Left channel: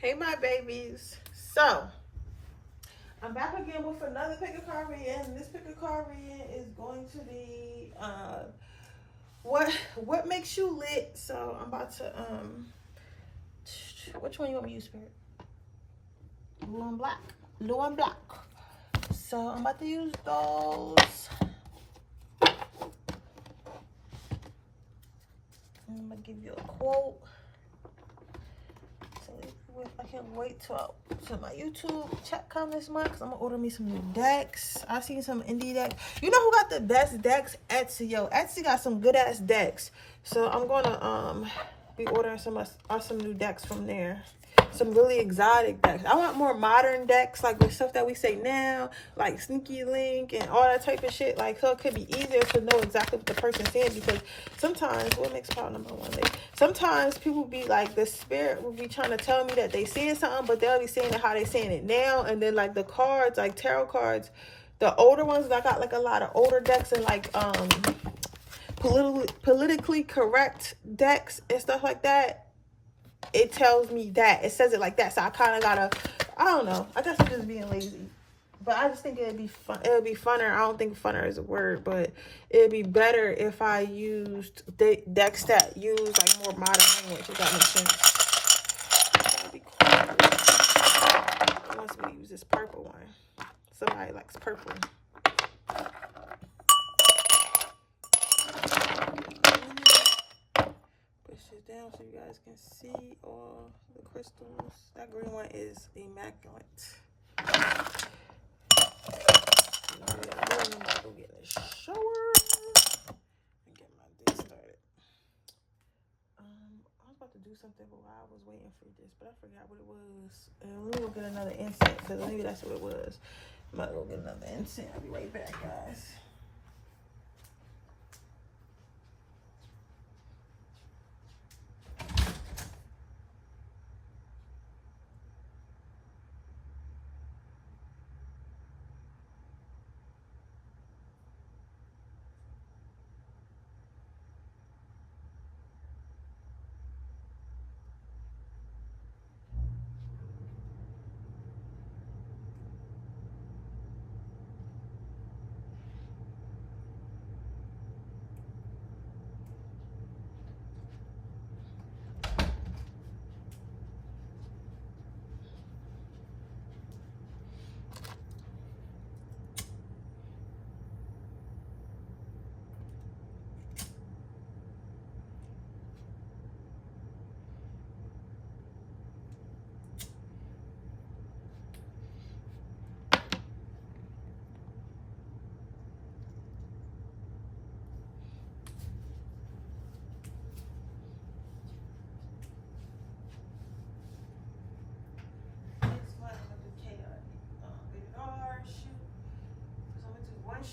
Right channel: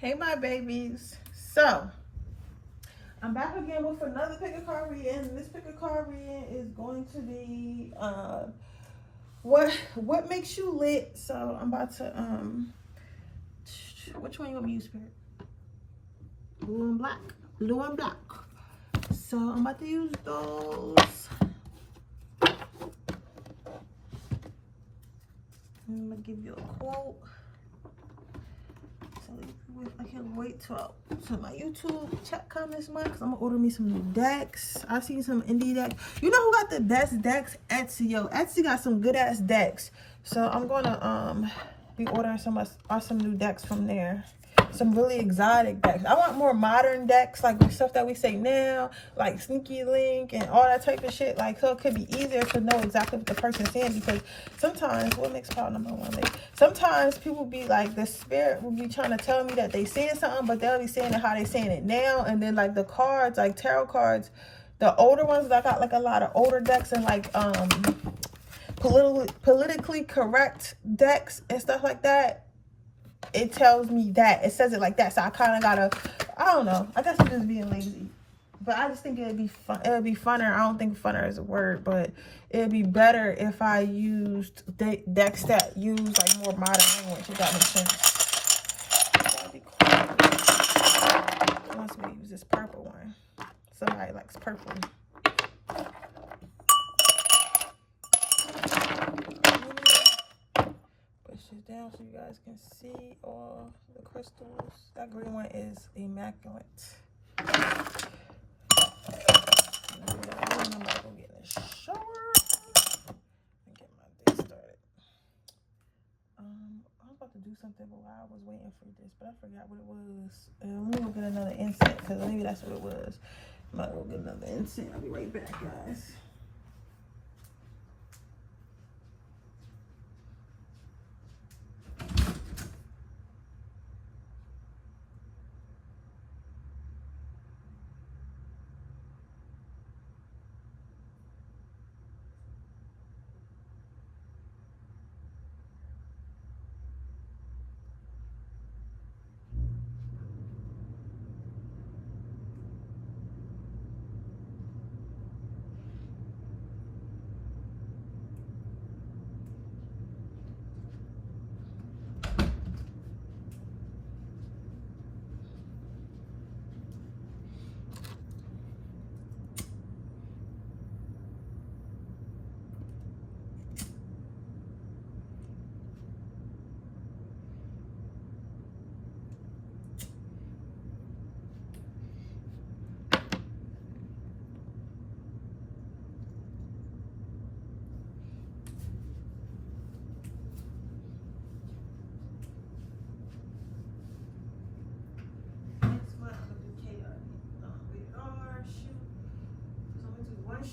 Hey my babies. So I'm back again with another pick a card reading. This pick a card reading is going to be what makes you lit. So I'm about to which one you want me to use, Spirit? Blue and black. Blue and black. So I'm about to use those. I'm gonna give you a quote. I can't wait till my YouTube check come this month because I'm gonna order me some new decks. I've seen some indie decks. You know who got the best decks? Etsy. Yo, Etsy got some good ass decks. So I'm gonna be ordering some new decks from there. Some really exotic decks. I want more modern decks, like with stuff that we say now, like Sneaky Link and all that type of shit. Like, so it could be easier to know exactly what the person's saying, because sometimes, what makes pile number one? Like, sometimes people be like, the spirit will be trying to tell me that they saying something, but they'll be saying it how they saying it now. And then like the cards, like tarot cards, the older ones, I got like a lot of older decks and like politically correct decks and stuff like that. It tells me that. It says it like that. So I kind of gotta, I don't know. I guess I'm just being lazy. But I just think it'd be fun. It'd be funner. I don't think funner is a word, but it'd be better if I used decks that use like more modern language, if that makes sense. That'd be cool. Unless we use this purple one. Somebody likes purple. Down so you guys can see all the crystals. That green one is immaculate. I'm gonna go get in the shower and get my day started. I was about to do something while I was waiting for this, but I forgot what it was. Let me go get another incense, because maybe that's what it was. I'm about to go get another incense. I'll be right back, guys.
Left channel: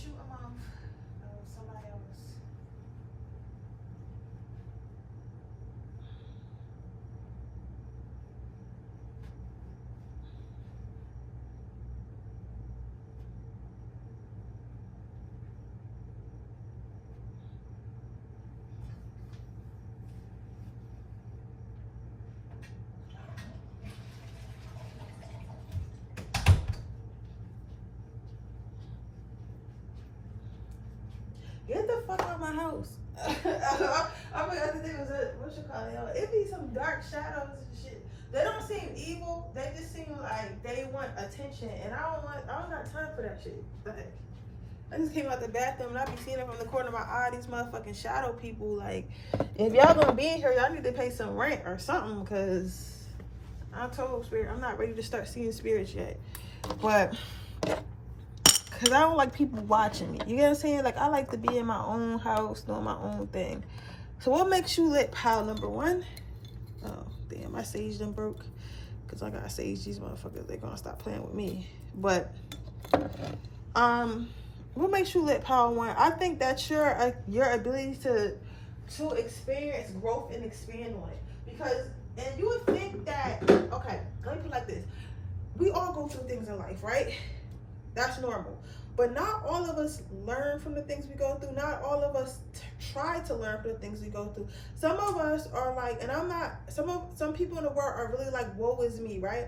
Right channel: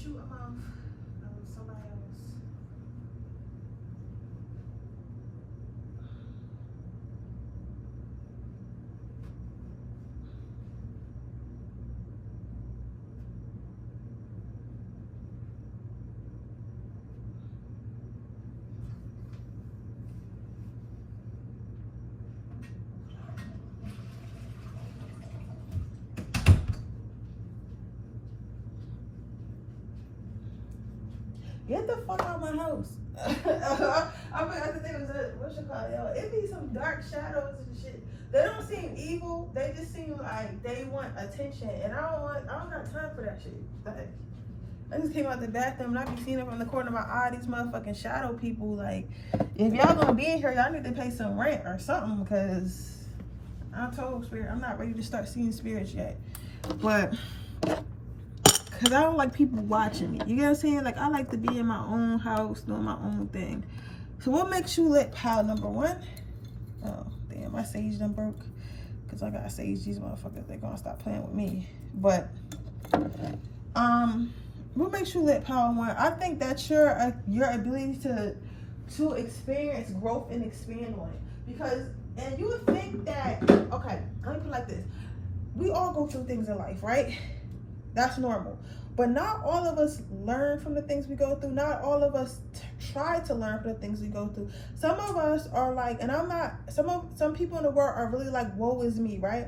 Shoot them off. Somebody else. Get the fuck out of my house. I forgot the name was what you call it, y'all. It be some dark shadows and shit. They don't seem evil. They just seem like they want attention. And I don't got time for that shit. Like, I just came out the bathroom and I be seeing it from the corner of my eye, these motherfucking shadow people. Like, if y'all gonna be in here, y'all need to pay some rent or something, because I told Spirit I'm not ready to start seeing spirits yet. But because I don't like people watching me. You get what I'm saying? Like, I like to be in my own house, doing my own thing. So what makes you lit, pile number one? Oh, damn, my sage done broke. Because I got sage these motherfuckers. They're going to stop playing with me. But, what makes you lit, pile one? I think that's your ability to experience growth and expand on it. Because, and you would think that, okay, let me put it like this. We all go through things in life, right? That's normal. But not all of us learn from the things we go through. Not all of us try to learn from the things we go through. Some of us are like, and I'm not, some people in the world are really like, woe is me, right?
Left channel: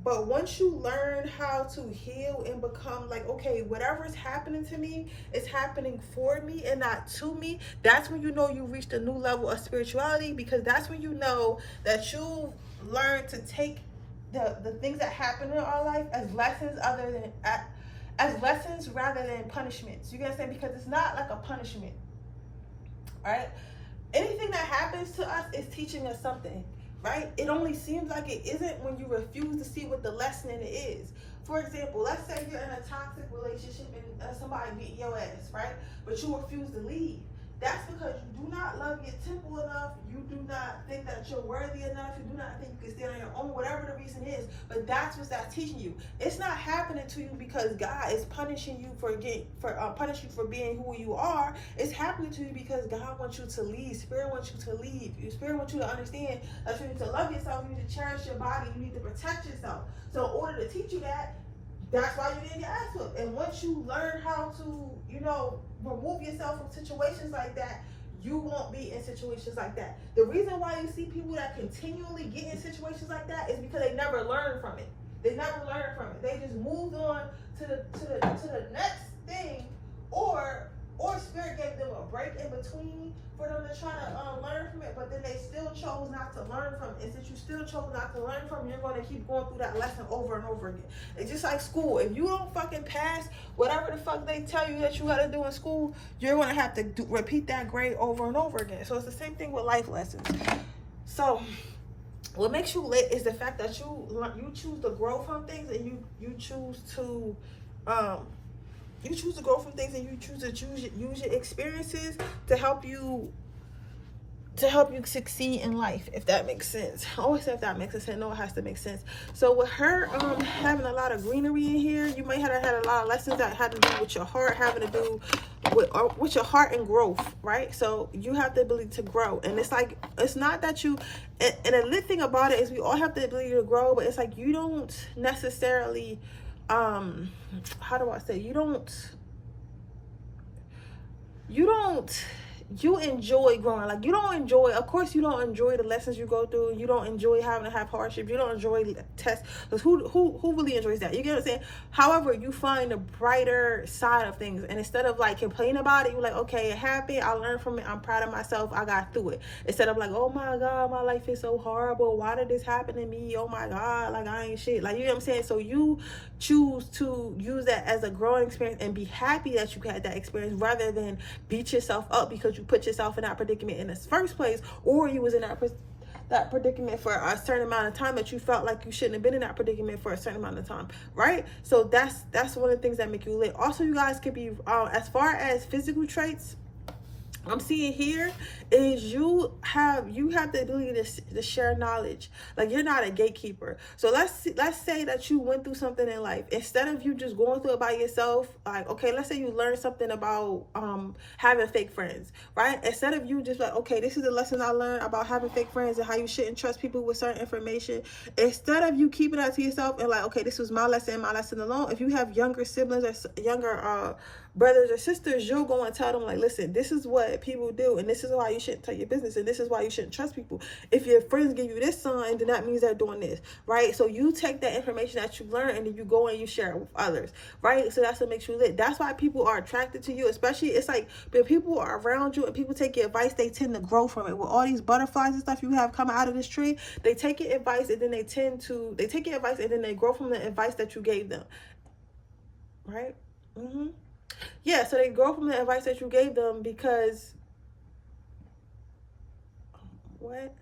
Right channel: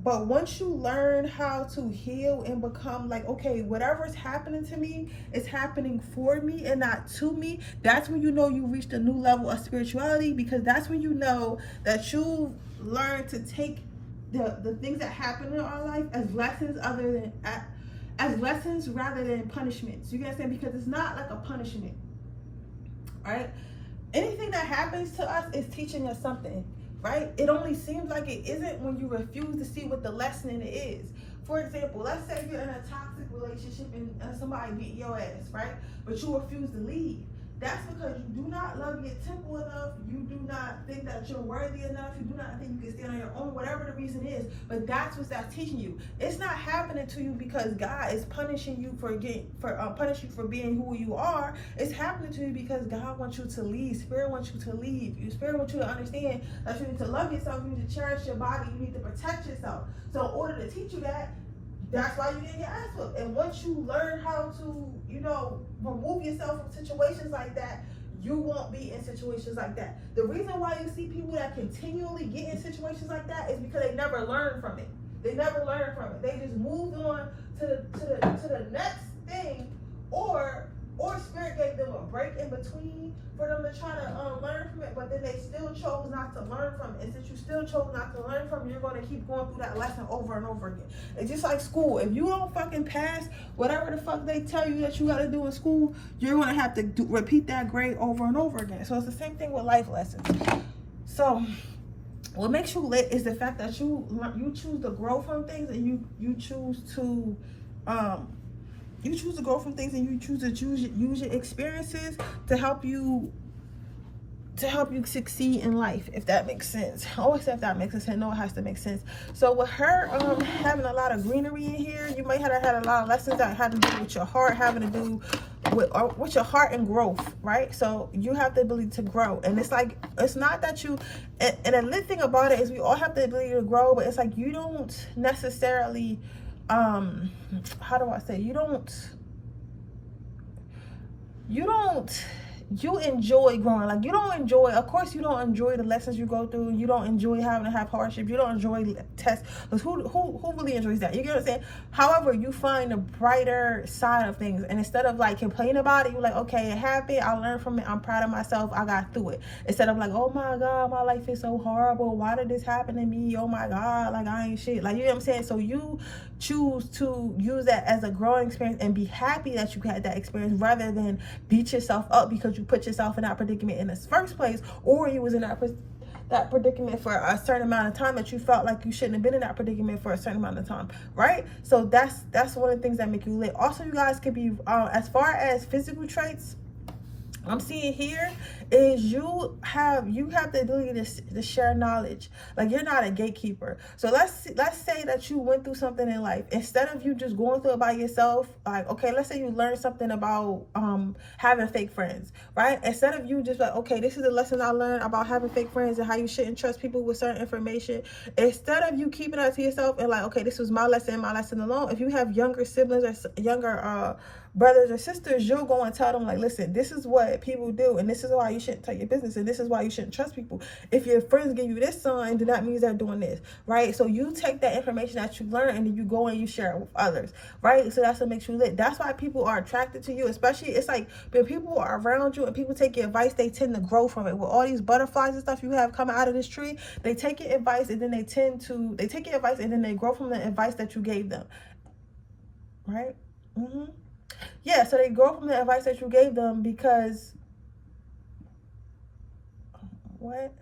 But once you learn how to heal and become like, okay, whatever's happening to me is happening for me and not to me, that's when you know you reached a new level of spirituality, because that's when you know that you learn to take the things that happen in our life as lessons as lessons rather than punishments. You get what I'm saying? Because it's not like a punishment, right? Anything that happens to us is teaching us something. Right? It only seems like it isn't when you refuse to see what the lesson in it is. For example, let's say you're in a toxic relationship and somebody beat your ass, right? But you refuse to leave. That's because you do not love your temple enough. You do not think that you're worthy enough. You do not think you can stand on your own, whatever the reason is. But that's what's that teaching you. It's not happening to you because God is punishing you for being who you are. It's happening to you because God wants you to leave. Spirit wants you to leave. Spirit wants you to understand that you need to love yourself. You need to cherish your body. You need to protect yourself. So in order to teach you that, that's why you didn't get ass whooped. And once you learn how to, remove yourself from situations like that, you won't be in situations like that. The reason why you see people that continually get in situations like that is because they never learned from it. They never learned from it. They just moved on to the next thing, or Spirit gave them a break in between for them to try to learn from it, but then they still chose not to learn from it. And since you still chose not to learn from it, you're going to keep going through that lesson over and over again. It's just like school. If you don't fucking pass whatever the fuck they tell you that you got to do in school, you're going to have to repeat that grade over and over again. So it's the same thing with life lessons. So what makes you lit is the fact that you choose to grow from things, and you choose to grow from things, and you choose to use your experiences to help you succeed in life, if that makes sense. I always say if that makes sense. No, it has to make sense. So with her having a lot of greenery in here, you might have had a lot of lessons that have to do with your heart, having to do with your heart and growth, right? So you have the ability to grow, and it's like, it's not that you, and the lit thing about it is we all have the ability to grow, but it's like you don't necessarily how do I say, you enjoy growing. Like, you don't enjoy, of course you don't enjoy the lessons you go through. You don't enjoy having to have hardship. You don't enjoy tests, because who really enjoys that? You get what I'm saying? However, you find the brighter side of things, and instead of like complaining about it, you're like, okay, it happened, I learned from it, I'm proud of myself, I got through it. Instead of like, oh my God, my life is so horrible, why did this happen to me? Oh my God, like I ain't shit. Like, you know what I'm saying? So you choose to use that as a growing experience and be happy that you had that experience, rather than beat yourself up because you put yourself in that predicament in the first place, or you was in that predicament for a certain amount of time that you felt like you shouldn't have been in that predicament for a certain amount of time, right? So that's one of the things that make you lit. Also, you guys could be as far as physical traits, I'm seeing here is you have the ability to share knowledge. Like, you're not a gatekeeper. So let's say that you went through something in life. Instead of you just going through it by yourself, like, okay, let's say you learned something about having fake friends, right? Instead of you just like, okay, this is the lesson I learned about having fake friends and how you shouldn't trust people with certain information. Instead of you keeping that to yourself and like, okay, this was my lesson alone. If you have younger siblings or younger brothers or sisters, you'll go and tell them like, listen, this is what people do, and this is why you shouldn't tell your business, and this is why you shouldn't trust people. If your friends give you this sign, then that means they're doing this, right? So you take that information that you learn and then you go and you share it with others, right? So that's what makes you lit. That's why people are attracted to you, especially, it's like when people are around you and people take your advice, they tend to grow from it. With all these butterflies and stuff you have coming out of this tree, they take your advice and then they take your advice and then they grow from the advice that you gave them, right? Yeah, so they grow from the advice that you gave them because what?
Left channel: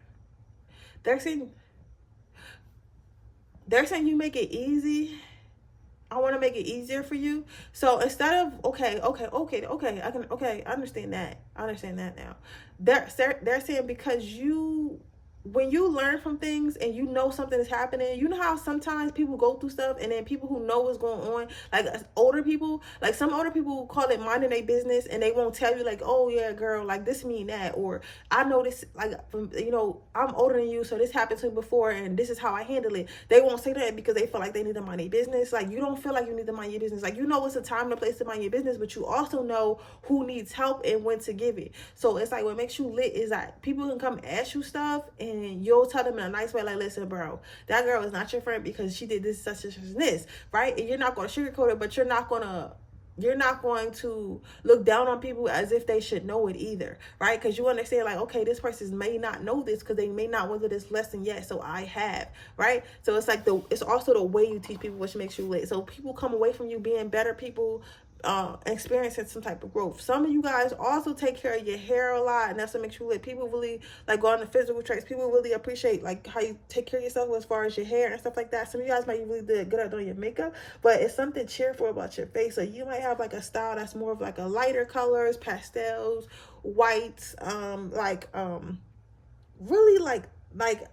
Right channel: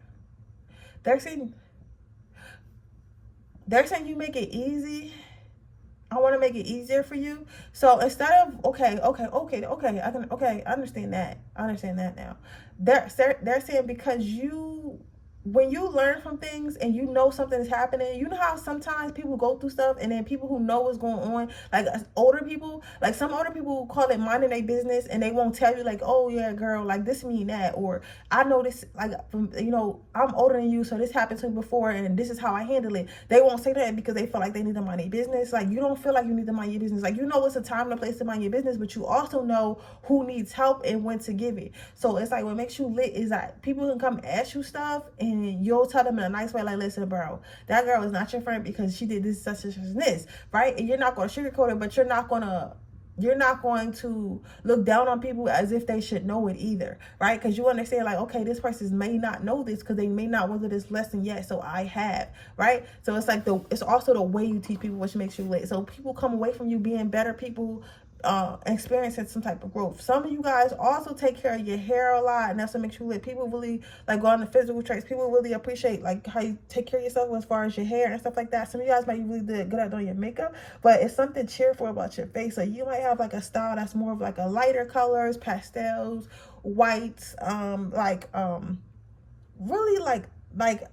They're saying you make it easy. I want to make it easier for you. So instead of I understand that. I understand that now. They're saying because you when you learn from things and you know something is happening, you know how sometimes people go through stuff and then people who know what's going on, like older people, like some older people call it minding their business, and they won't tell you like, oh yeah girl, like this mean that, or I know this, like, you know, I'm older than you, so this happened to me before and this is how I handle it. They won't say that because they feel like they need to mind their business. Like, you don't feel like you need to mind your business. Like, you know it's a time and a place to mind your business, but you also know who needs help and when to give it. So it's like, what makes you lit is that people can come ask you stuff and you'll tell them in a nice way, like, listen bro, that girl is not your friend because she did this, such and this, right? And you're not going to sugarcoat it, but you're not going to look down on people as if they should know it either, right? Because you understand, like, okay, this person may not know this because they may not went through this lesson yet, so I have, right? So it's like it's also the way you teach people which makes you lit. So people come away from you being better people, experiencing some type of growth. Some of you guys also take care of your hair a lot, and that's what makes you lit. People really like go on the physical traits. People really appreciate like how you take care of yourself as far as your hair and stuff like that. Some of you guys might be really good at doing your makeup, but it's something cheerful about your face. So you might have like a style that's more of like a lighter colors, pastels, whites, really like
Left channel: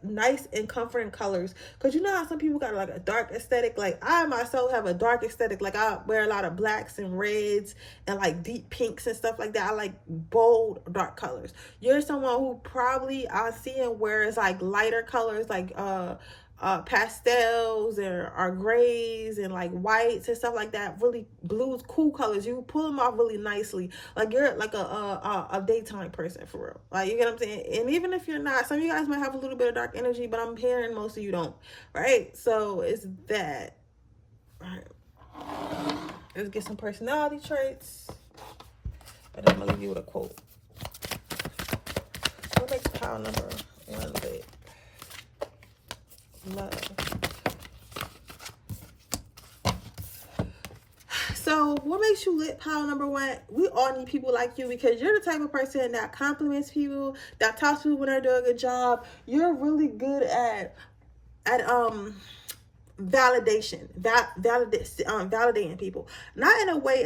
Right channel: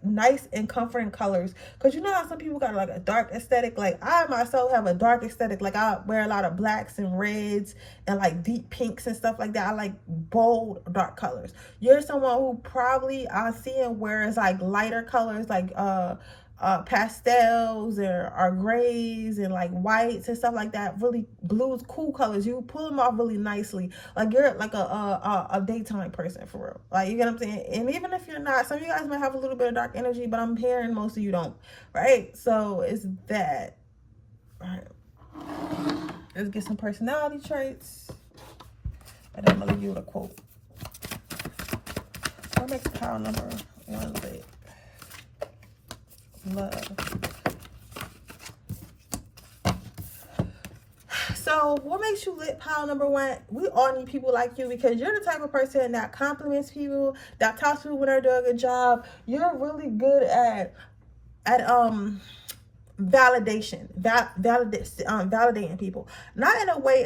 nice and comforting colors, because you know how some people got like a dark aesthetic. Like I myself have a dark aesthetic. Like I wear a lot of blacks and reds and like deep pinks and stuff like that. I like bold dark colors. You're someone who probably I'm seeing wears like lighter colors, like pastels or grays and like whites and stuff like that. Really blues, cool colors. You pull them off really nicely. Like you're like a daytime person for real. Like, you get what I'm saying? And even if you're not, some of you guys might have a little bit of dark energy, but I'm hearing most of you don't, right? So it's that. All right, let's get some personality traits, and I'm gonna leave you with a quote. What makes pile number 1 lit? Love. So what makes you lit, pile number 1? We all need people like you, because you're the type of person that compliments people, that talks to people when they're doing a good job. You're really good at validating people, not in a way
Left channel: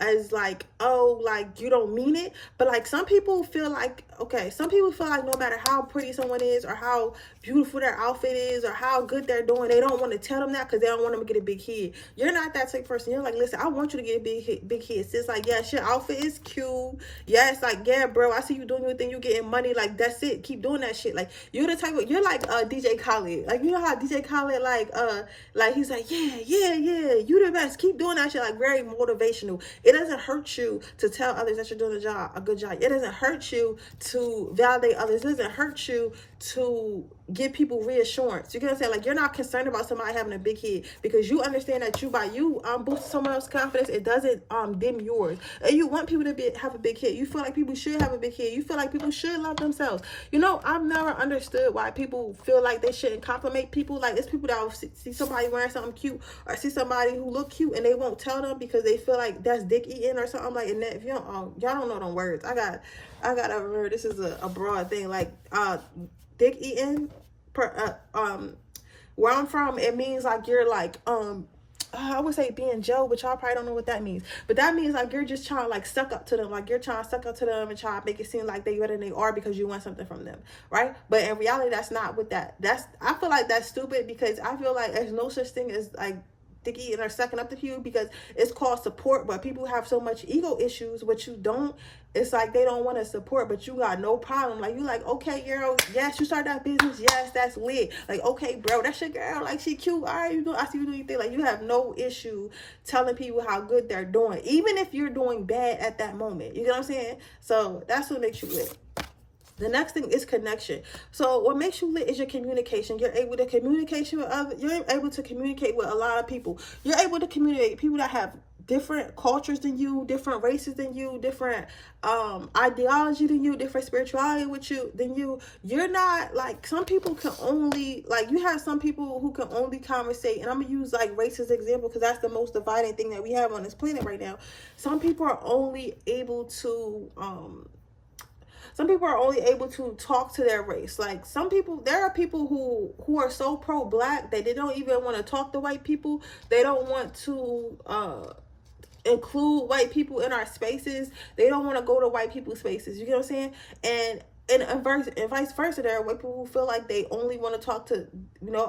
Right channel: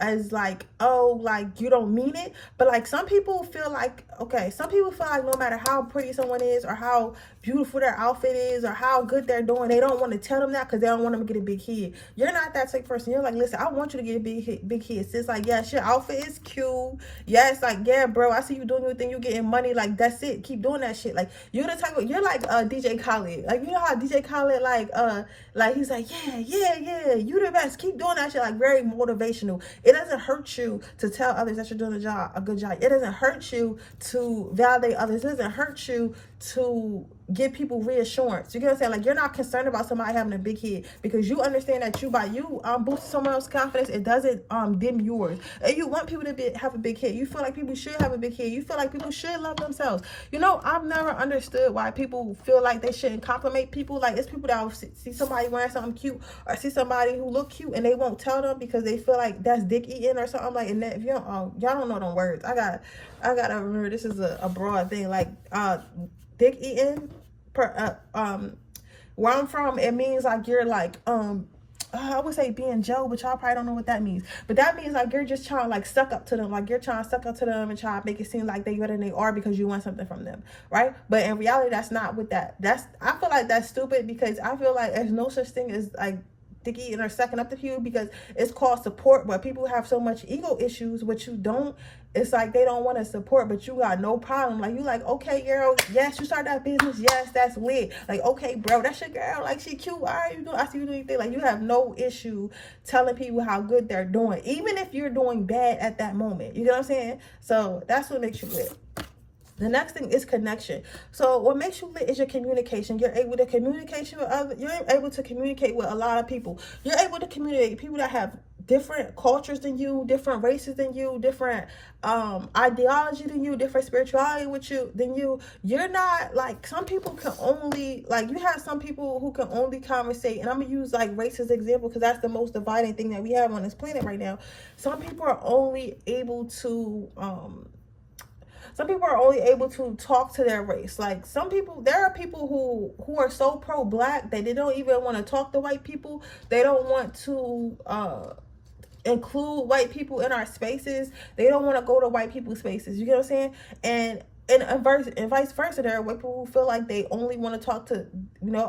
as like, oh, like you don't mean it, but like some people feel like no matter how pretty someone is or how beautiful their outfit is or how good they're doing, they don't want to tell them that because they don't want them to get a big head. You're not that type of person. You're like, listen, I want you to get a big head. It's like, yes, your outfit is cute. Yes, like, yeah, bro, I see you doing your thing. You getting money. Like, that's it. Keep doing that shit. Like, you're like DJ Khaled. Like, you know how DJ Khaled, like he's like, yeah, you the best. Keep doing that shit. Like, very motivational. It doesn't hurt you to tell others that you're doing a good job. It doesn't hurt you to validate others. It doesn't hurt you to give people reassurance. You get what I'm saying? Like, you're not concerned about somebody having a big head, because you understand that by boosting someone else's confidence, it doesn't dim yours. And you want people to have a big head. You feel like people should have a big head. You feel like people should love themselves. You know, I've never understood why people feel like they shouldn't compliment people. Like, it's people that will see somebody wearing something cute or see somebody who look cute and they won't tell them because they feel like that's dick eating or something. Like, and that, if you don't, y'all don't know them words. I gotta remember, this is a broad thing. Like, dick eating, where I'm from, it means like you're like I would say being Joe, but y'all probably don't know what that means. But that means like you're just trying to like suck up to them. Like, you're trying to suck up to them and try to make it seem like they better than they are because you want something from them, right? But in reality, that's not what I feel like that's stupid, because I feel like there's no such thing as like dick eating or sucking up to you, because it's called support. But people have so much ego issues, which you don't. It's like they don't want to support, but you got no problem. Like, you like, okay, girl, yes, you start that business, yes, that's lit. Like, okay, bro, that's your girl, like, she cute, all right, I see you doing anything. Like, you have no issue telling people how good they're doing, even if you're doing bad at that moment. You know what I'm saying? So that's what makes you lit. The next thing is connection. So what makes you lit is your communication. You're able to communicate with others. You're able to communicate with a lot of people. You're able to communicate with people that have different cultures than you, different races than you, different ideology than you, different spirituality than you. You're not like, some people can only, like, you have some people who can only conversate, and I'm gonna use like race as an example because that's the most dividing thing that we have on this planet right now. Some people are only able to talk to their race. Like, there are people who are so pro-black that they don't even want to talk to white people. They don't want to include white people in our spaces. They don't want to go to white people's spaces. You get what I'm saying? And and vice versa. There are white people who feel like they only want to talk to,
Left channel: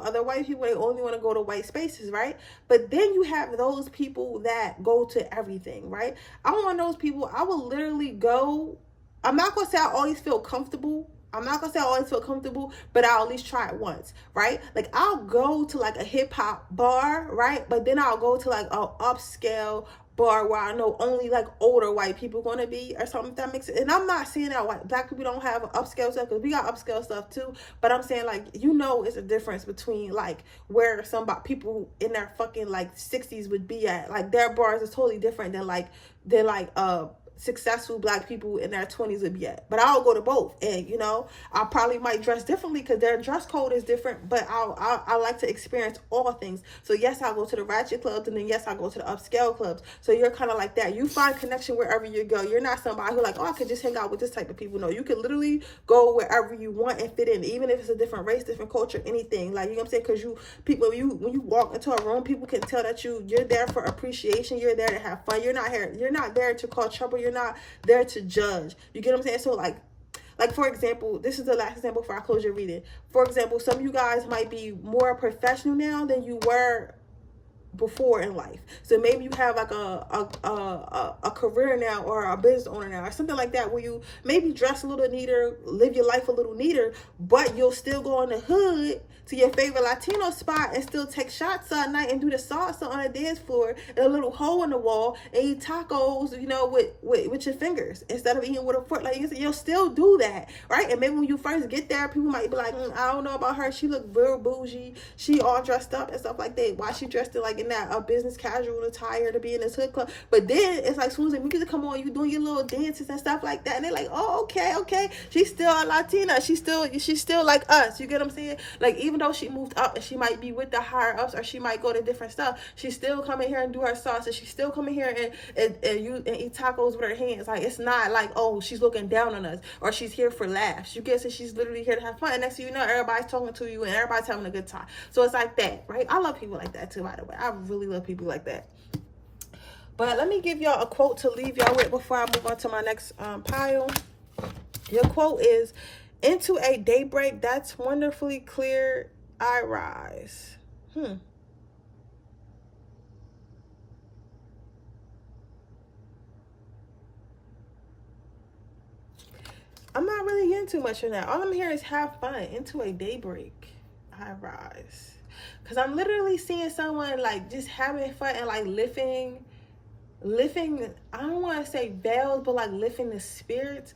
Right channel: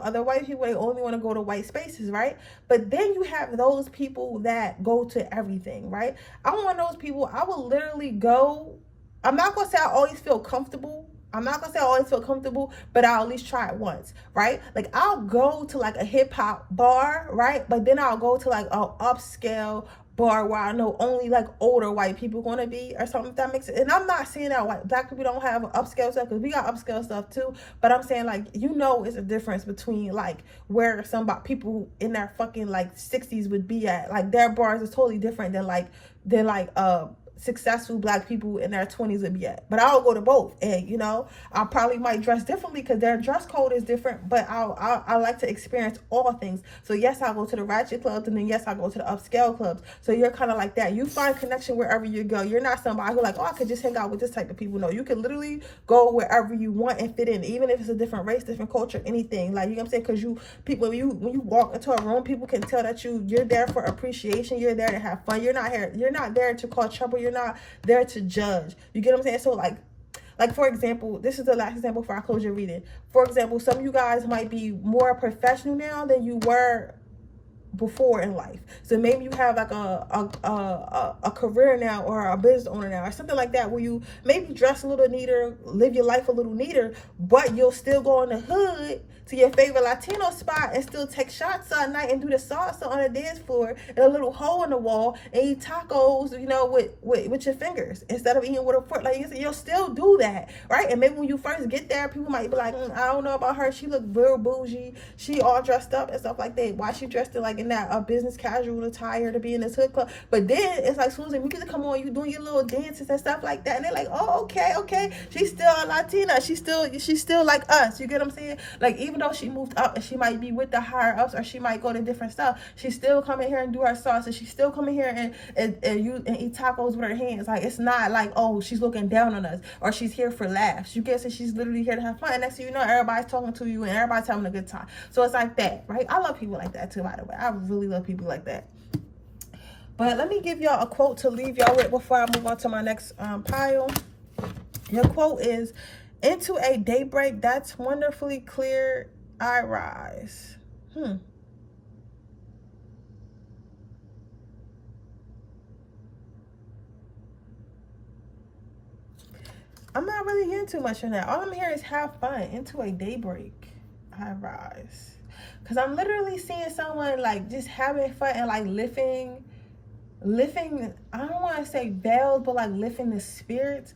other white people. They only want to go to white spaces, right? But then you have those people that go to everything, right? I'm one of those people. I will literally go. I'm not going to say I always feel comfortable. But I'll at least try it once, right? Like, I'll go to like a hip hop bar, right? But then I'll go to like a upscale bar where I know only like older white people gonna be or something, if that makes sense. And I'm not saying that black people don't have upscale stuff, because we got upscale stuff too, but I'm saying, like, it's a difference between like where people in their fucking like 60s would be at. Like, their bars is totally different than successful black people in their 20s would be at. But I'll go to both, and I probably might dress differently because their dress code is different, but I like to experience all things. So yes, I'll go to the ratchet clubs, and then yes, I'll go to the upscale clubs. So you're kind of like that. You find connection wherever you go. You're not somebody who like, oh, I could just hang out with this type of people. No, you can literally go wherever you want and fit in, even if it's a different race, different culture, anything. Like, you know what I'm saying? Because when you walk into a room, people can tell that you're there for appreciation. You're there to have fun. You're not there to cause trouble. You're not there to judge. You get what I'm saying? So like for example, this is the last example before I close your reading. For example, some of you guys might be more professional now than you were before in life. So maybe you have like a career now, or a business owner now, or something like that, where you maybe dress a little neater, live your life a little neater, but you'll still go in the hood to your favorite Latino spot and still take shots at night and do the salsa on the dance floor in a little hole in the wall and eat tacos, with your fingers instead of eating with a fork. Like, you'll still do that, right? And maybe when you first get there, people might be like, I don't know about her. She look real bougie. She all dressed up and stuff like that. Why she dressed in that business casual attire to be in this hood club? But then it's like, Susan, music come on, you doing your little dances and stuff like that, and they're like, oh, okay, she's still a Latina. She's still like us. You get what I'm saying? Like, even though she moved up and she might be with the higher ups, or she might go to different stuff, she's still coming here and do her salsa. She's still coming here and eat tacos with her hands. Like, it's not like, oh, she's looking down on us, or she's here for laughs. You get it? She's literally here to have fun. And next thing you know, everybody's talking to you and everybody's having a good time. So it's like that, right? I love people like that too, by the way. I really love people like that. But let me give y'all a quote to leave y'all with before I move on to my next pile. Your quote is, into a daybreak that's wonderfully clear, I rise. I'm not really getting too much on that. All I'm hearing is have fun. Into a daybreak, I rise. Because I'm literally seeing someone like just having fun and like lifting, I don't want to say veils, but like lifting the spirits,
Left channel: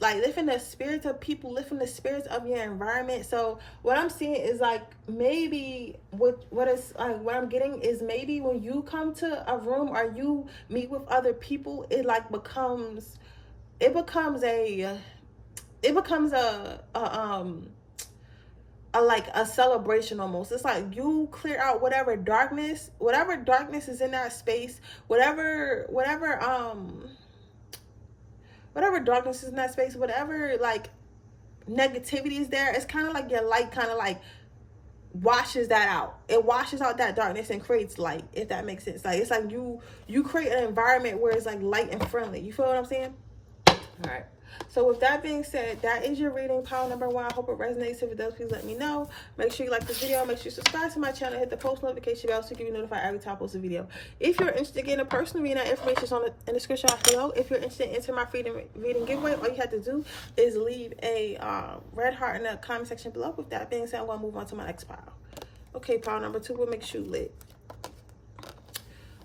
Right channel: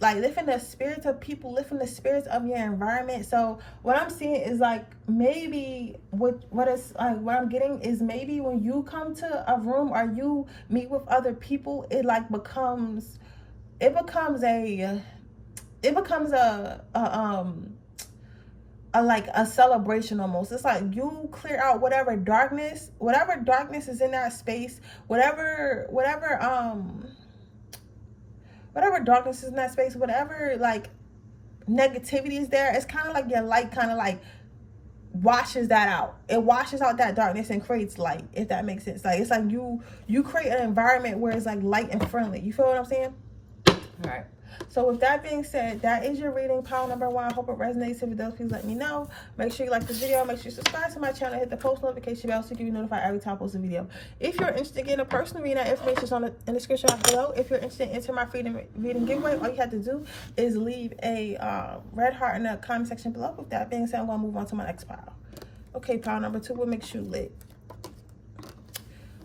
like lifting the spirits of people, lifting the spirits of your environment. So what I'm seeing is like, maybe what I'm getting is, maybe when you come to a room or you meet with other people, it becomes like a celebration almost. It's like you clear out whatever darkness is in that space, whatever darkness is in that space, whatever like negativity is there. It's kind of like your light kind of like washes that out. It washes out that darkness and creates light, if that makes sense. Like, it's like you create an environment where it's like light and friendly. You feel what I'm saying? All right. So with that being said, that is your reading, pile number 1. I hope it resonates. If it does, please let me know. Make sure you like this video. Make sure you subscribe to my channel. Hit the post notification bell so you can be notified every time I post a video. If you're interested in getting a personal reading, that information is in the description below. If you're interested in entering my freedom reading giveaway, all you have to do is leave a red heart in the comment section below. With that being said, I'm going to move on to my next pile. Okay, pile number 2, what makes you lit?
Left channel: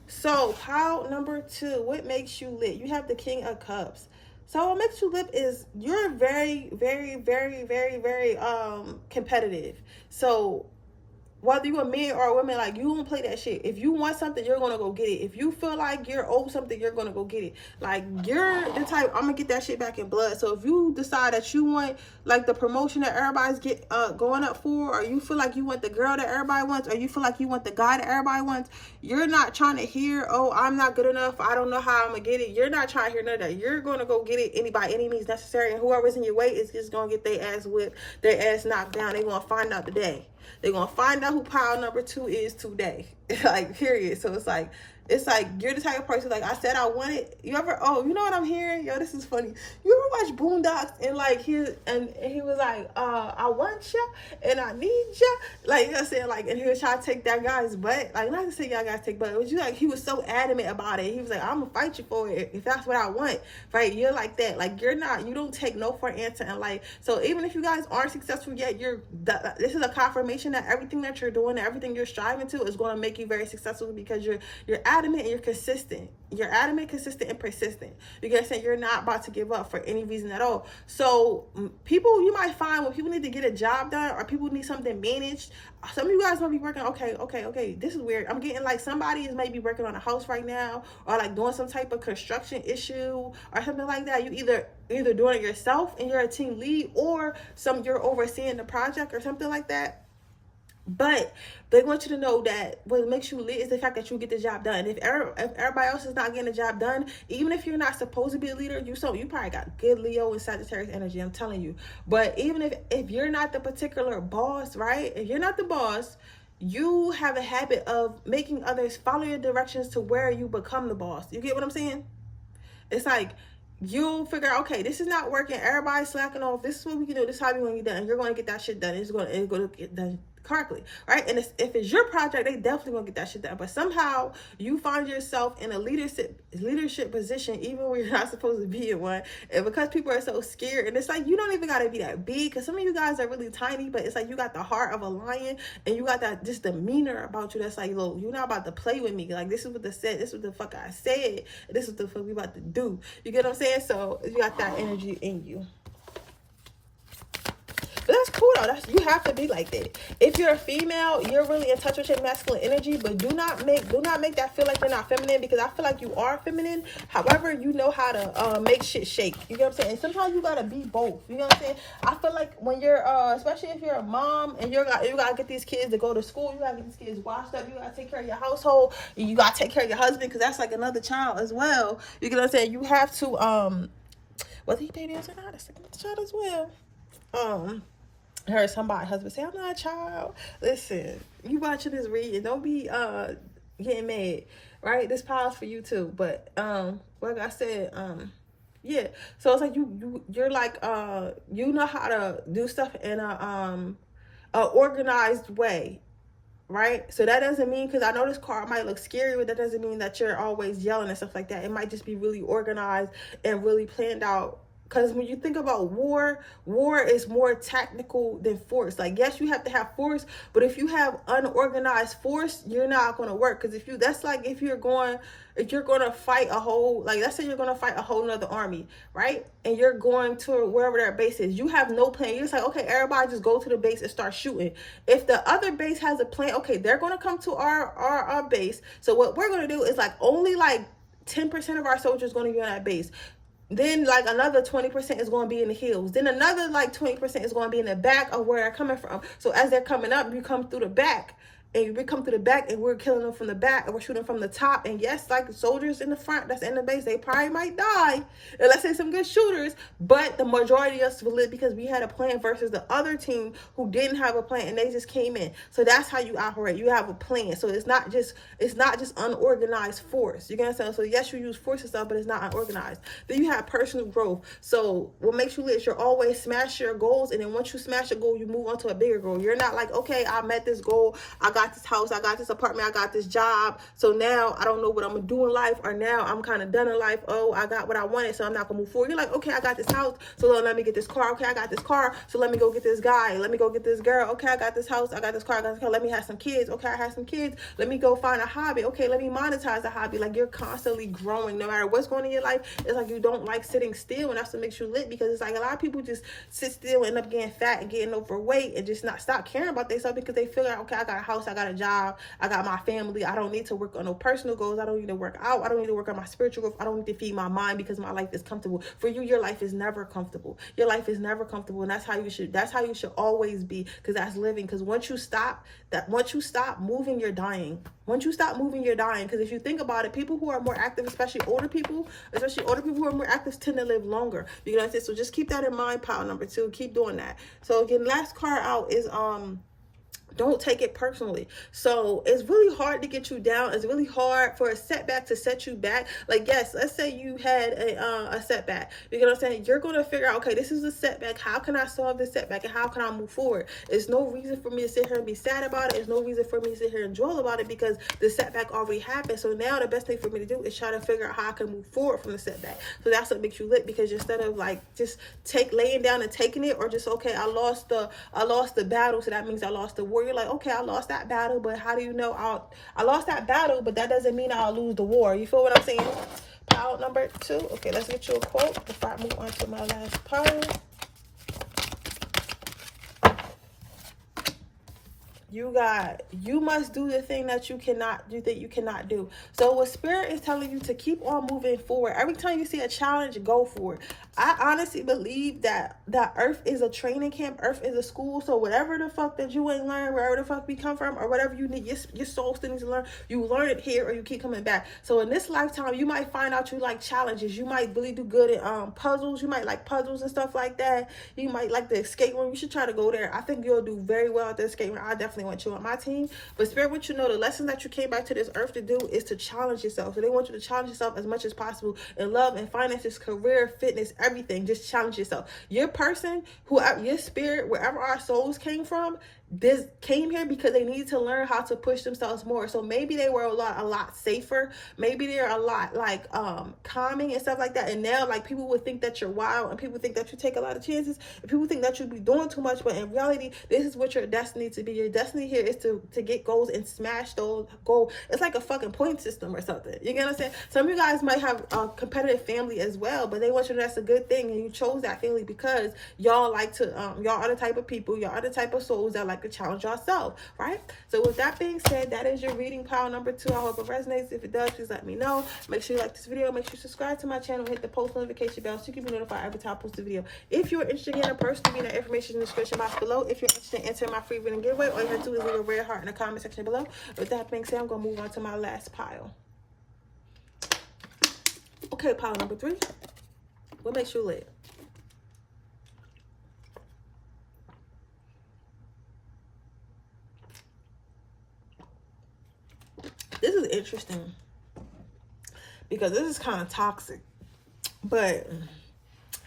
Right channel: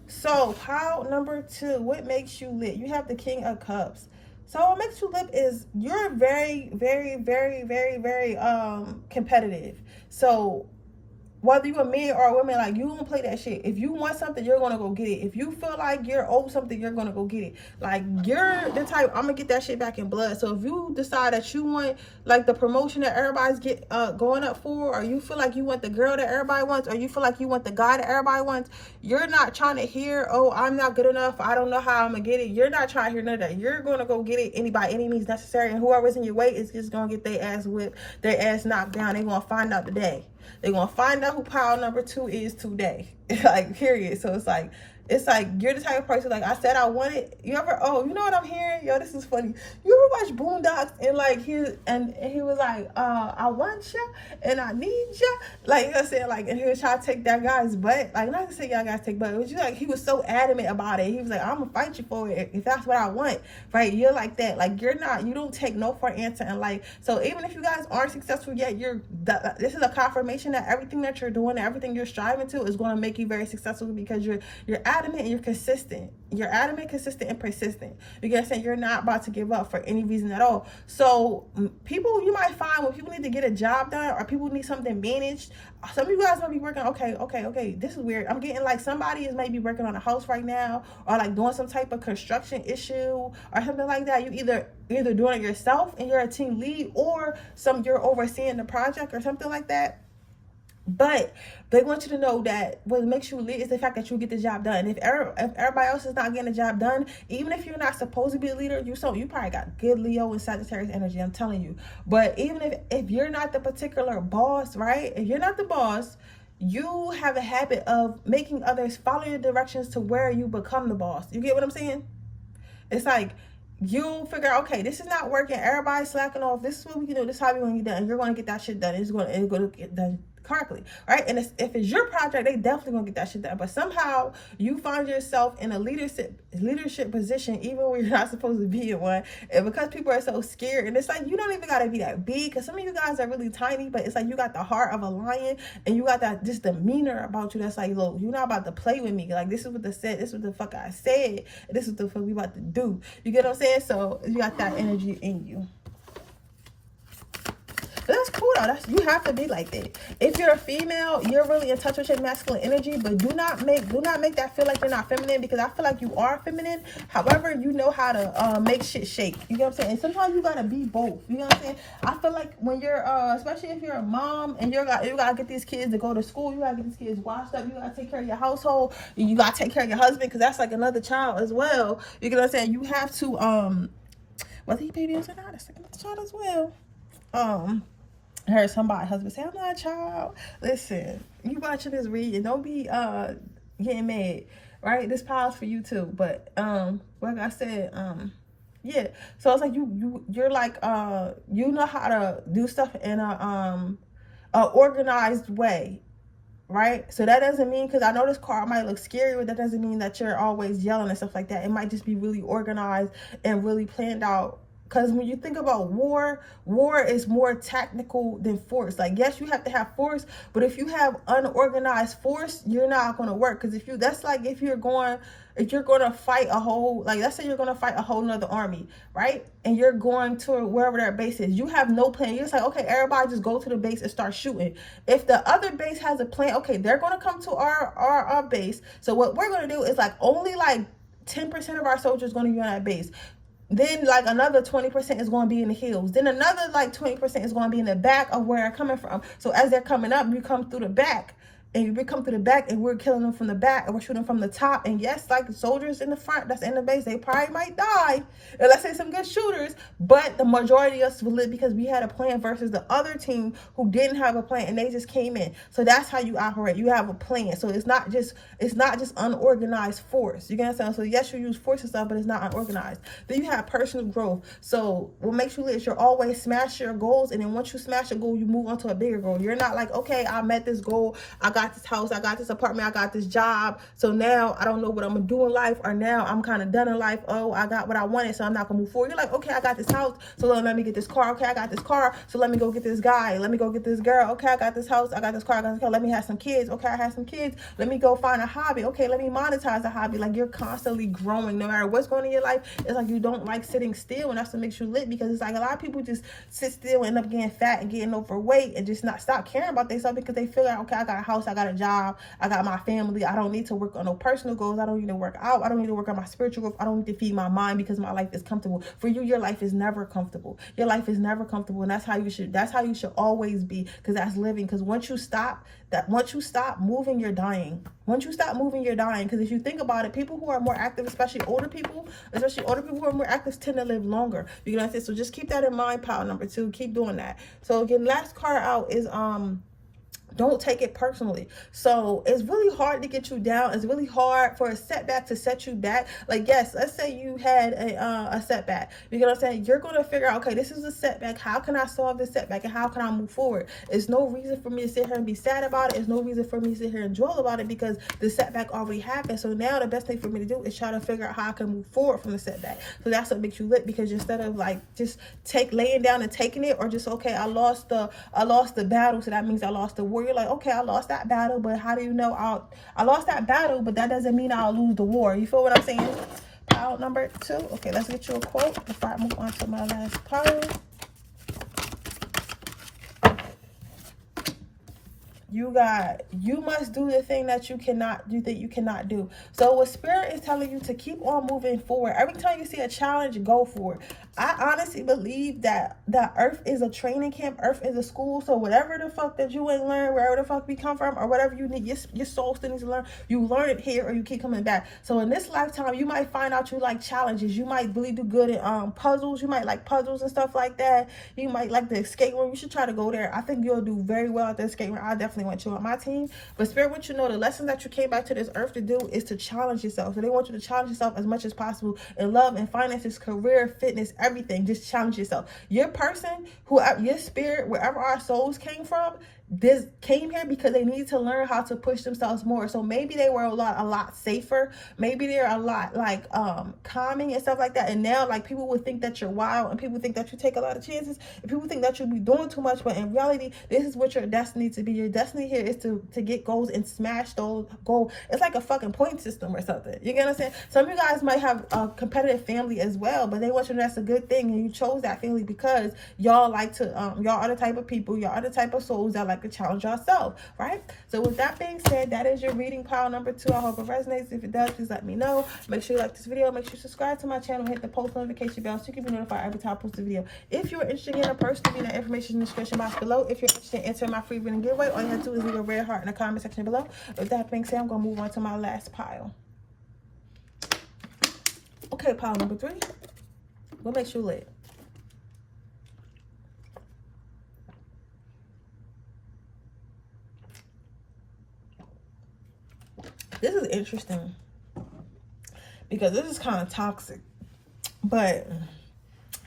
So pile number 2, what makes you lit? You have the King of Cups. So what makes you lit is you're very, very, very, very, very competitive. So whether you're a man or a woman, like, you don't play that shit. If you want something, you're gonna go get it. If you feel like you're owed something, you're gonna go get it. Like, you're the type, I'm gonna get that shit back in blood. So if you decide that you want like the promotion that everybody's going up for, or you feel like you want the girl that everybody wants, or you feel like you want the guy that everybody wants, you're not trying to hear, oh, I'm not good enough, I don't know how I'm gonna get it. You're not trying to hear none of that. You're gonna go get it by any means necessary, and whoever's in your way is just gonna get their ass whipped, their ass knocked down. They're gonna find out today. They're going to find out who pile number 2 is today. Like, period. So it's like, It's like, you're the type of person, like I said I wanted. You ever, oh, you know what I'm hearing? Yo, this is funny. You ever watch Boondocks and like he was like, I want ya and I need ya. Like, you know what I'm saying? Like, and he was trying to take that guy's butt. Like, not to say y'all guys take butt, but you like, he was so adamant about it. He was like, I'm gonna fight you for it if that's what I want. Right? You're like that. Like, you don't take no for an answer in life. So even if you guys aren't successful yet, this is a confirmation that everything that you're doing, everything you're striving to is going to make you very successful, because you're adamant and you're consistent. You're adamant, consistent, and persistent. Because you're not about to give up for any reason at all. So people, you might find when people need to get a job done or people need something managed, some of you guys might be working, okay, this is weird. I'm getting like somebody is maybe working on a house right now, or like doing some type of construction issue or something like that. You either doing it yourself and you're a team lead, or you're overseeing the project or something like that. But they want you to know that what makes you lit is the fact that you get the job done. If everybody else is not getting the job done, even if you're not supposed to be a leader, you probably got good Leo and Sagittarius energy, I'm telling you. But even if you're not the particular boss, right? If you're not the boss, you have a habit of making others follow your directions to where you become the boss. You get what I'm saying? It's like, you'll figure out, okay, this is not working. Everybody's slacking off. This is what we can do. This is how we're going to get done. You're going to get that shit done. It's going to get done correctly, right? And if it's your project, they definitely gonna get that shit done. But somehow you find yourself in a leadership position, even when you're not supposed to be in one, and because people are so scared, and it's like, you don't even gotta be that big, because some of you guys are really tiny, but it's like you got the heart of a lion, and you got that just demeanor about you that's like, look, you're not about to play with me. Like, this is what this is what the fuck I said, and this is what the fuck we about to do. You get what I'm saying? So you got that energy in you. That's cool though. You have to be like that. If you're a female, you're really in touch with your masculine energy, but do not make that feel like you're not feminine, because I feel like you are feminine. However, you know how to make shit shake. You know what I'm saying? And sometimes you gotta be both. You know what I'm saying? I feel like when you're especially if you're a mom and you gotta get these kids to go to school, you gotta get these kids washed up, you gotta take care of your household, you gotta take care of your husband, because that's like another child as well. You know what I'm saying? You have to whether he baby is or not, it's another child as well. I heard somebody husband say, I'm not a child. Listen, you watching this reading, don't be getting mad, right? This power's for you too. But like I said, yeah. So it's like you're like you know how to do stuff in a organized way, right? So that doesn't mean, because I know this card might look scary, but that doesn't mean that you're always yelling and stuff like that. It might just be really organized and really planned out. Because when you think about war is more tactical than force. Like, yes, you have to have force, but if you have unorganized force, you're not going to work. Because that's like if you're going to fight a whole, like, let's say you're going to fight a whole nother army, right? And you're going to wherever their base is. You have no plan. You're just like, okay, everybody just go to the base and start shooting. If the other base has a plan, okay, they're going to come to our base. So what we're going to do is like only like 10% of our soldiers going to be on that base. Then like another 20% is going to be in the hills. Then another like 20% is going to be in the back of where they're coming from. So as they're coming up, you come through the back. And we come to the back and we're killing them from the back, and we're shooting from the top. And yes, like the soldiers in the front that's in the base, they probably might die. And let's say some good shooters, but the majority of us will live because we had a plan versus the other team who didn't have a plan and they just came in. So that's how you operate. You have a plan. So it's not just unorganized force. You get what I'm saying? So yes, you use force and stuff, but it's not unorganized. Then you have personal growth. So what makes you live is you're always smash your goals, and then once you smash a goal, you move on to a bigger goal. You're not like, okay, I met this goal, I got this house, I got this apartment, I got this job, so now I don't know what I'm gonna do in life, or now I'm kind of done in life. Oh, I got what I wanted, so I'm not gonna move forward. You're like, okay, I got this house, so let me get this car. Okay, I got this car, so let me go get this guy, let me go get this girl. Okay, I got this house, I got this car, I got this car. Let me have some kids. Okay, I have some kids, let me go find a hobby. Okay, let me monetize a hobby. Like, you're constantly growing no matter what's going on in your life. It's like you don't like sitting still, and that's what makes you lit, because it's like a lot of people just sit still and end up getting fat and getting overweight and just not stop caring about themselves, because they feel like, okay, I got a house, I got a job, I got my family, I don't need to work on no personal goals, I don't need to work out, I don't need to work on my spiritual growth, I don't need to feed my mind because my life is comfortable. For you, your life is never comfortable. Your life is never comfortable, and that's how you should always be, because that's living. Because once you stop moving, you're dying. Once you stop moving, you're dying. Because if you think about it, people who are more active, especially older people who are more active, tend to live longer. You know what I'm saying? So just keep that in mind, pile number 2. Keep doing that. So again, last card out is Don't take it personally. So it's really hard to get you down. It's really hard for a setback to set you back. Like, yes, let's say you had a setback. You know what I'm saying? You're going to figure out, okay, this is a setback. How can I solve this setback and how can I move forward? There's no reason for me to sit here and be sad about it. There's no reason for me to sit here and dwell about it because the setback already happened. So now the best thing for me to do is try to figure out how I can move forward from the setback. So that's what makes you lit, because instead of like just laying down and taking it, or just, okay, I lost the battle, so that means I lost the war. You're like, okay, I lost that battle, but how do you know I lost that battle, but that doesn't mean I'll lose the war. You feel what I'm saying? Pile number 2. Okay, let's get you a quote before I move on to my last pile. You must do the thing that you cannot do. So what Spirit is telling you to keep on moving forward. Every time you see a challenge, go for it. I honestly believe that Earth is a training camp. Earth is a school. So whatever the fuck that you ain't learned, wherever the fuck we come from, or whatever you need, your soul still needs to learn, you learn it here or you keep coming back. So in this lifetime, you might find out you like challenges. You might really do good at puzzles. You might like puzzles and stuff like that. You might like the escape room. You should try to go there. I think you'll do very well at the escape room. I definitely want you on my team. But Spirit wants you to know the lesson that you came back to this earth to do is to challenge yourself. So they want you to challenge yourself as much as possible in love and finances, career, fitness, everything. Just challenge yourself. Your person, your spirit, wherever our souls came from, this came here because they need to learn how to push themselves more. So maybe they were a lot safer. Maybe they're a lot like calming and stuff like that. And now like people would think that you're wild, and people think that you take a lot of chances, and people think that you'll be doing too much. But in reality, this is what your destiny to be. Your destiny here is to get goals and smash those goals. It's like a fucking point system or something. You get what I'm saying? Some of you guys might have a competitive family as well, but they want you to know that's a good thing, and you chose that family because y'all like to y'all are the type of people, y'all are the type of souls that like to challenge yourself, right? So with that being said, that is your reading pile number 2. I hope it resonates. If it does, please let me know. Make sure you like this video. Make sure you subscribe to my channel. Hit the post notification bell so you can be notified every time I post a video. If you're interested in a personal reading, information in the description box below. If you're interested in entering my free reading giveaway, all you have to do is leave a red heart in the comment section below. With that being said, I'm going to move on to my last pile. Okay, pile number 3. What makes you lit? This is interesting because this is kind of toxic, but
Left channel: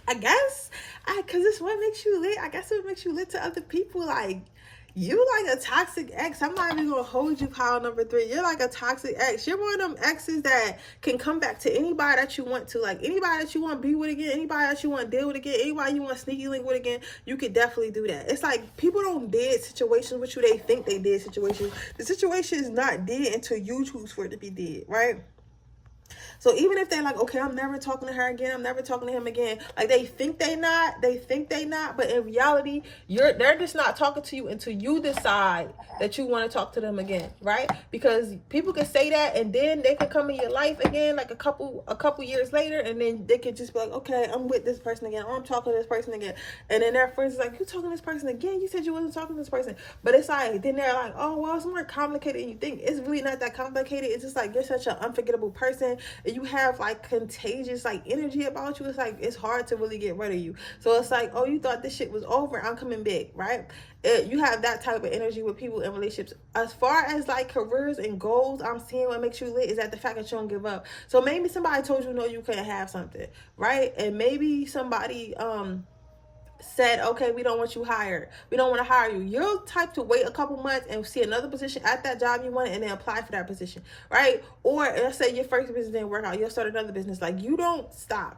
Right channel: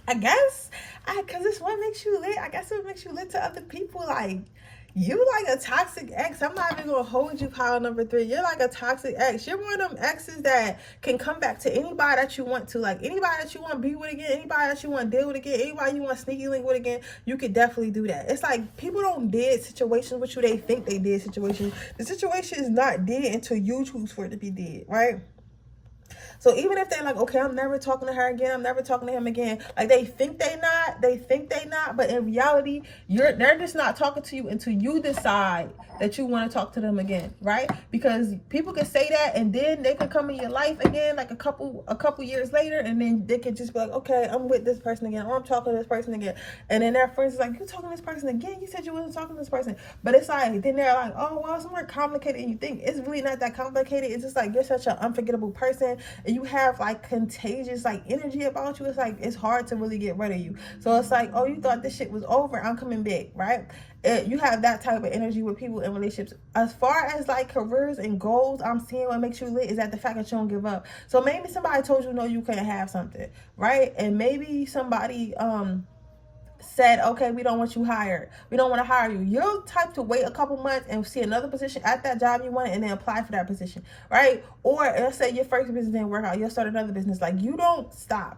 I guess because this what makes you lit. I guess it makes you lit to other people. Like, you like a toxic ex. I'm not even gonna hold you, pile number 3. You're like a toxic ex. You're one of them exes that can come back to anybody that you want to. Like, anybody that you want to be with again, anybody that you want to deal with again, anybody you want to sneaky link with again, you could definitely do that. It's like people don't dead situations with you. They think they did situations. The situation is not dead until you choose for it to be dead, right? So even if they like, okay, I'm never talking to her again, I'm never talking to him again, like they think they not, but in reality, they're just not talking to you until you decide that you want to talk to them again, right? Because people can say that, and then they can come in your life again, like a couple years later, and then they can just be like, okay, I'm with this person again, or I'm talking to this person again, and then their friends is like, you talking to this person again? You said you wasn't talking to this person. But it's like, then they're like, oh, well, it's more complicated than you think. It's really not that complicated. It's just like, you're such an unforgettable person, and you have like contagious like energy about you. It's like, it's hard to really get rid of you. So it's like, oh, you thought this shit was over, I'm coming back, right? You have that type of energy with people in relationships. As far as like careers and goals, I'm seeing what makes you lit is that the fact that you don't give up. So maybe somebody told you no, you couldn't have something, right? And maybe somebody said, okay, we don't want you hired, we don't want to hire you. You're type to wait a couple months and see another position at that job you want, and then apply for that position, right? Or let's say your first business didn't work out, you'll start another business. Like, you don't stop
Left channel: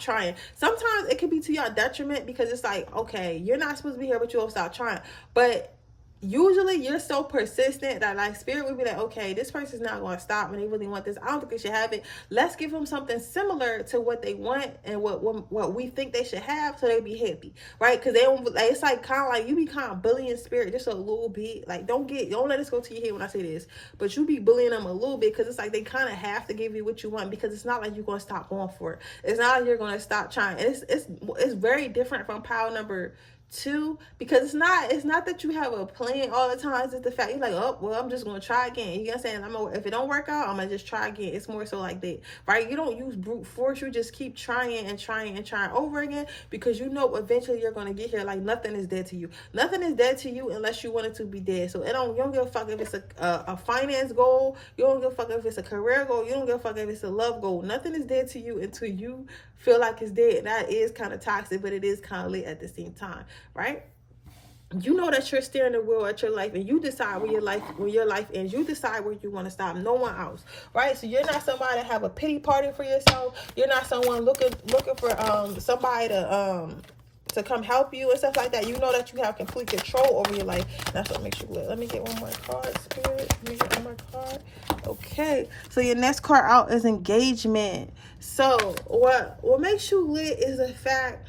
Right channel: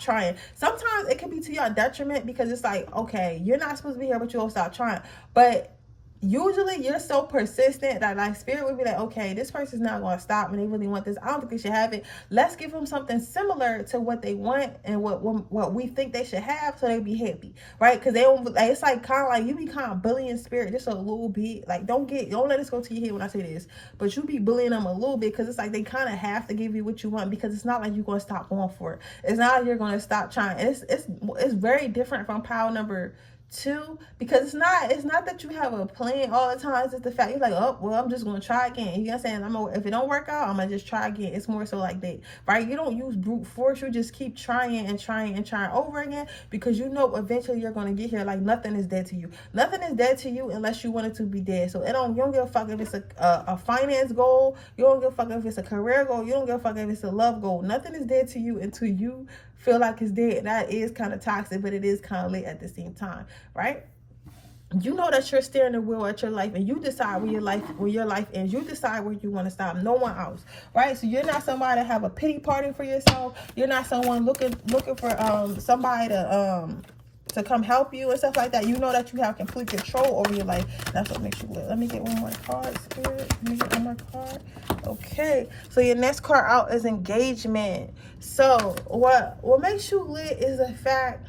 trying. Sometimes it could be to your detriment, because it's like, okay, you're not supposed to be here, but you won't stop trying. But usually you're so persistent that like spirit would be like, okay, this person's not going to stop and they really want this. I don't think they should have it. Let's give them something similar to what they want and what we think they should have, so they be happy, right? Because they don't like, it's like kind of like you be kind of bullying spirit just a little bit. Like, don't let this go to your head when I say this, but you be bullying them a little bit, because it's like they kind of have to give you what you want, because it's not like you're going to stop going for it. It's not like you're going to stop trying. It's very different from pile number Too, because it's not that you have a plan all the time. It's the fact you're like, oh well, I'm just gonna try again. You know what I'm saying? If it don't work out, I'm gonna just try again. It's more so like that, right? You don't use brute force. You just keep trying and trying and trying over again, because you know eventually you're gonna get here. Like, nothing is dead to you. Nothing is dead to you unless you want it to be dead. So you don't give a fuck if it's a finance goal. You don't give a fuck if it's a career goal. You don't give a fuck if it's a love goal. Nothing is dead to you until you feel like it's dead. That is kind of toxic, but it is kind of lit at the same time, right? You know that you're steering the wheel at your life, and you decide where your life ends. You decide where you want to stop. No one else, right? So you're not somebody to have a pity party for yourself. You're not someone looking for somebody to come help you and stuff like that. You know that you have complete control over your life. That's what makes you lit. Let me get one more card, Spirit. Let me get one more card. Okay, so your next card out is engagement. So what makes you lit is the fact.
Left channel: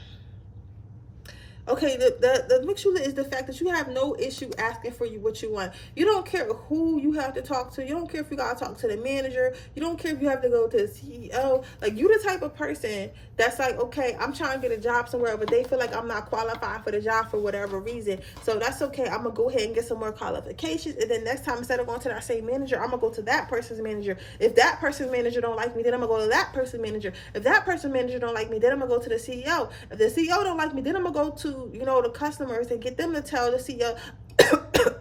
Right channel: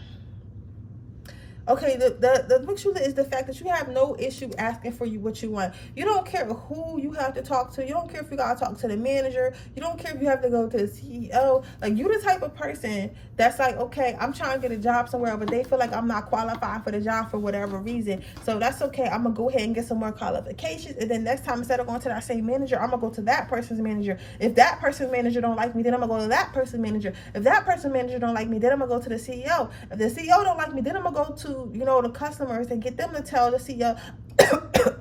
Okay, the makes you lit is the fact that you have no issue asking for what you want. You don't care who you have to talk to. You don't care if you gotta talk to the manager. You don't care if you have to go to the CEO. Like, you the type of person that's like, okay, I'm trying to get a job somewhere, but they feel like I'm not qualified for the job for whatever reason. So that's okay. I'm gonna go ahead and get some more qualifications, and then next time, instead of going to that same manager, I'm gonna go to that person's manager. If that person's manager don't like me, then I'm gonna go to that person's manager. If that person's manager don't like me, then I'm gonna go to the CEO. If the CEO don't like me, then I'm gonna go to, you know, the customers and get them to tell the CEO. The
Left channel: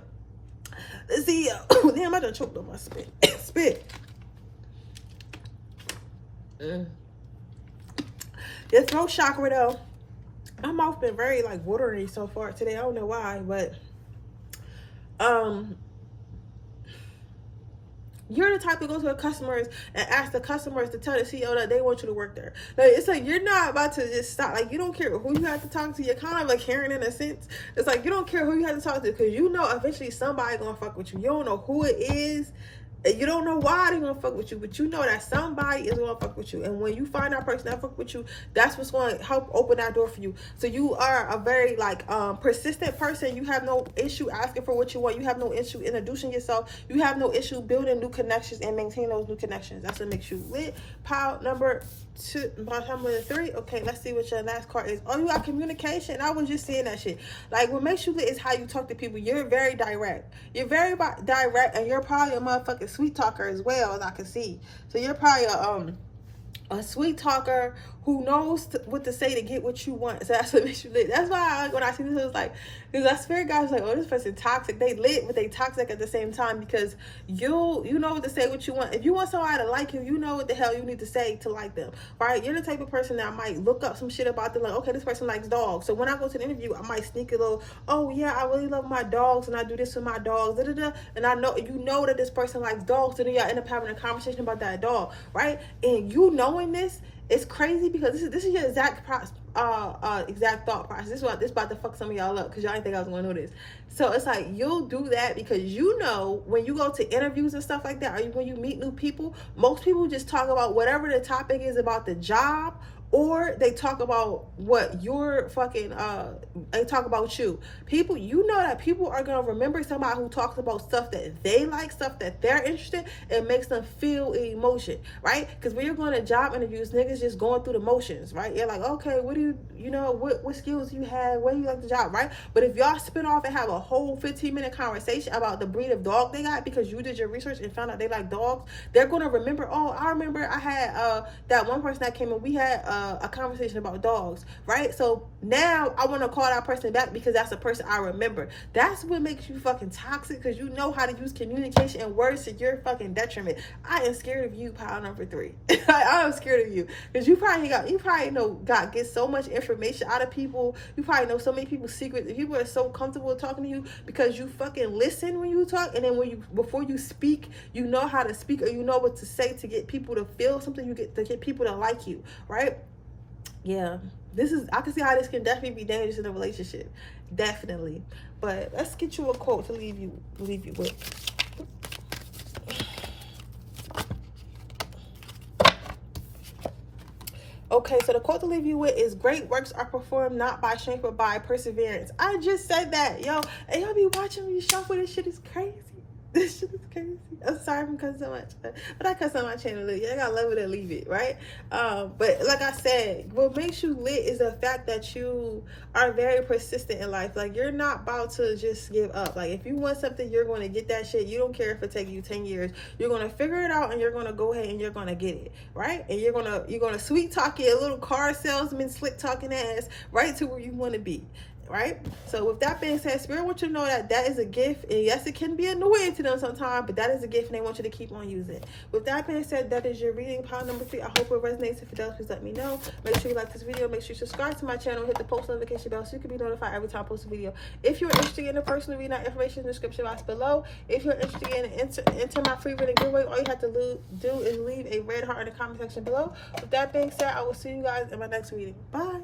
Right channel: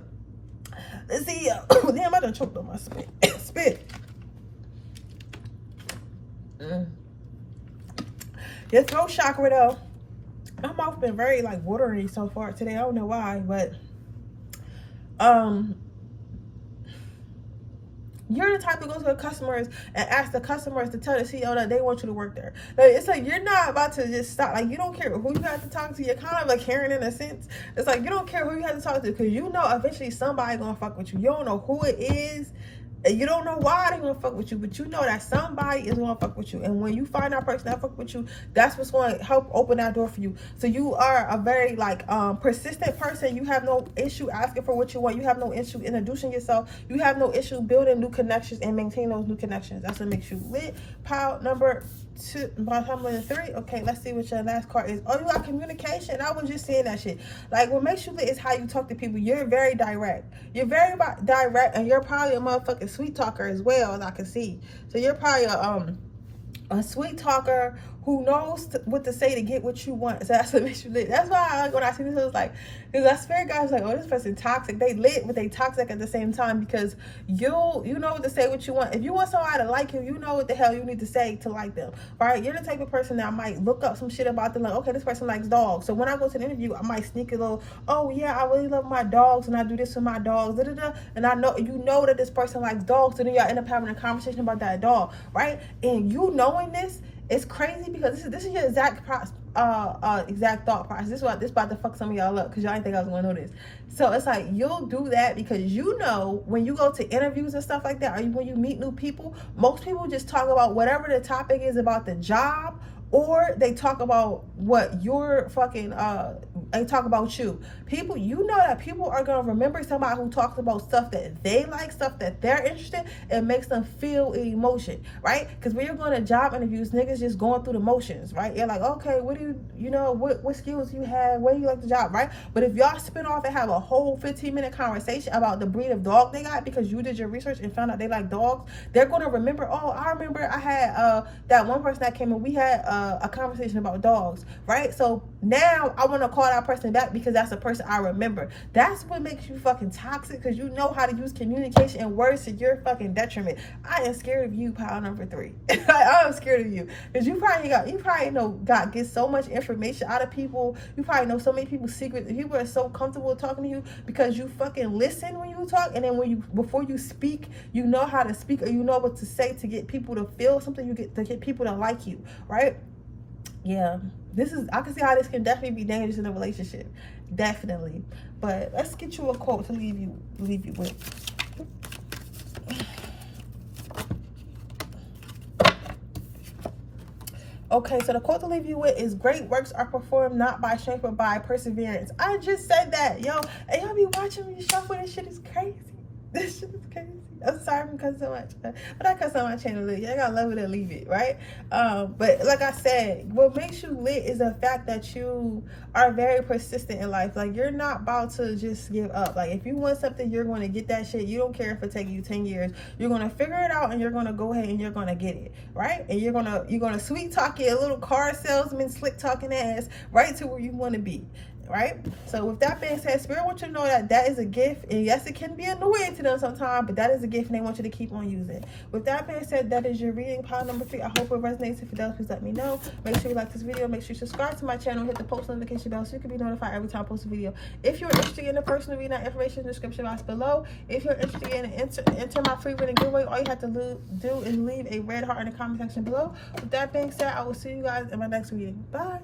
CEO. Damn, I done choked on my spit. Your throat chakra, though, my mouth been very like watery so far today. I don't know why, but you're the type to go to the customers and ask the customers to tell the CEO that they want you to work there. Like, it's like you're not about to just stop. Like, you don't care who you have to talk to. You're kind of like Karen in a sense. It's like you don't care who you have to talk to, because you know eventually somebody gonna fuck with you. You don't know who it is. And you don't know why they gonna fuck with you, but you know that somebody is gonna fuck with you. And when you find that person that fuck with you, that's what's going to help open that door for you. So you are a very like persistent person. You have no issue asking for what you want. You have no issue introducing yourself. You have no issue building new connections and maintaining those new connections. That's what makes you lit. Pile number 3. Okay, let's see what your last card is. Oh, you got communication. I was just saying that shit. Like, what makes you lit is how you talk to people. You're very direct. You're very direct, and you're probably a motherfucking sweet talker as well, as I can see. So you're probably a sweet talker who knows what to say to get what you want. So that's what makes you lit. That's why I like when I see this, I was like, because that spirit guy's like, oh, this person toxic. They lit, but they toxic at the same time, because you know what to say, what you want. If you want somebody to like you, you know what the hell you need to say to like them, right? You're the type of person that might look up some shit about them, like, okay, this person likes dogs. So when I go to the interview, I might sneak a little, oh yeah, I really love my dogs, and I do this with my dogs, and I know, you know that this person likes dogs, so then y'all end up having a conversation about that dog, right? And you knowing this, it's crazy, because this is your exact exact thought process. This about to fuck some of y'all up, because y'all didn't think I was gonna know this. So it's like, you'll do that because you know when you go to interviews and stuff like that, or when you meet new people, most people just talk about whatever the topic is about the job, or they talk about what you're fucking they talk about you. People, you know that people are gonna remember somebody who talks about stuff that they like, stuff that they're interested in. It makes them feel emotion, right? Because when you're going to job interviews, niggas just going through the motions, right? You're like, okay, what do you know, what skills you have, where you like the job, right? But if y'all spin off and have a whole 15-minute conversation about the breed of dog they got, because you did your research and found out they like dogs, they're gonna remember, oh, I remember I had that one person that came and we had a conversation about dogs, right? So now I want to call that person back because that's a person I remember. That's what makes you fucking toxic, because you know how to use communication and words to your fucking detriment. I am scared of you, pile number 3. I am scared of you, because you probably get so much information out of people. You probably know so many people's secrets. People are so comfortable talking to you because you fucking listen when you talk, and then before you speak, you know how to speak, or you know what to say to get people to feel something. You get to get people to like you, right? Yeah, I can see how this can definitely be dangerous in a relationship, definitely. But let's get you a quote to leave you with. Okay, so the quote to leave you with is, great works are performed not by strength but by perseverance. I just said that, yo, and y'all be watching me shuffle. This shit is crazy. This shit is crazy. I'm sorry I'm cussing so much, but I cuss on my channel. Look, y'all gotta love it or leave it, right? But like I said, what makes you lit is the fact that you are very persistent in life. Like, you're not about to just give up. Like, if you want something, you're going to get that shit. You don't care if it takes you 10 years. You're going to figure it out, and you're going to go ahead and you're going to get it, right? And you're going to sweet talk your little car salesman, slick talking ass right to where you want to be. Right? So with that being said, Spirit wants you to know that that is a gift, and yes, it can be annoying to them sometimes, but that is a gift, and they want you to keep on using. With that being said, that is your reading pile number 3. I hope it resonates. If it does, please let me know. Make sure you like this video. Make sure you subscribe to my channel. Hit the post notification bell so you can be notified every time I post a video. If you're interested in the personal reading, that information in the description box below. If you're interested in enter my free reading giveaway, all you have to do is leave a red heart in the comment section below. With that being said, I will see you guys in my next reading. Bye.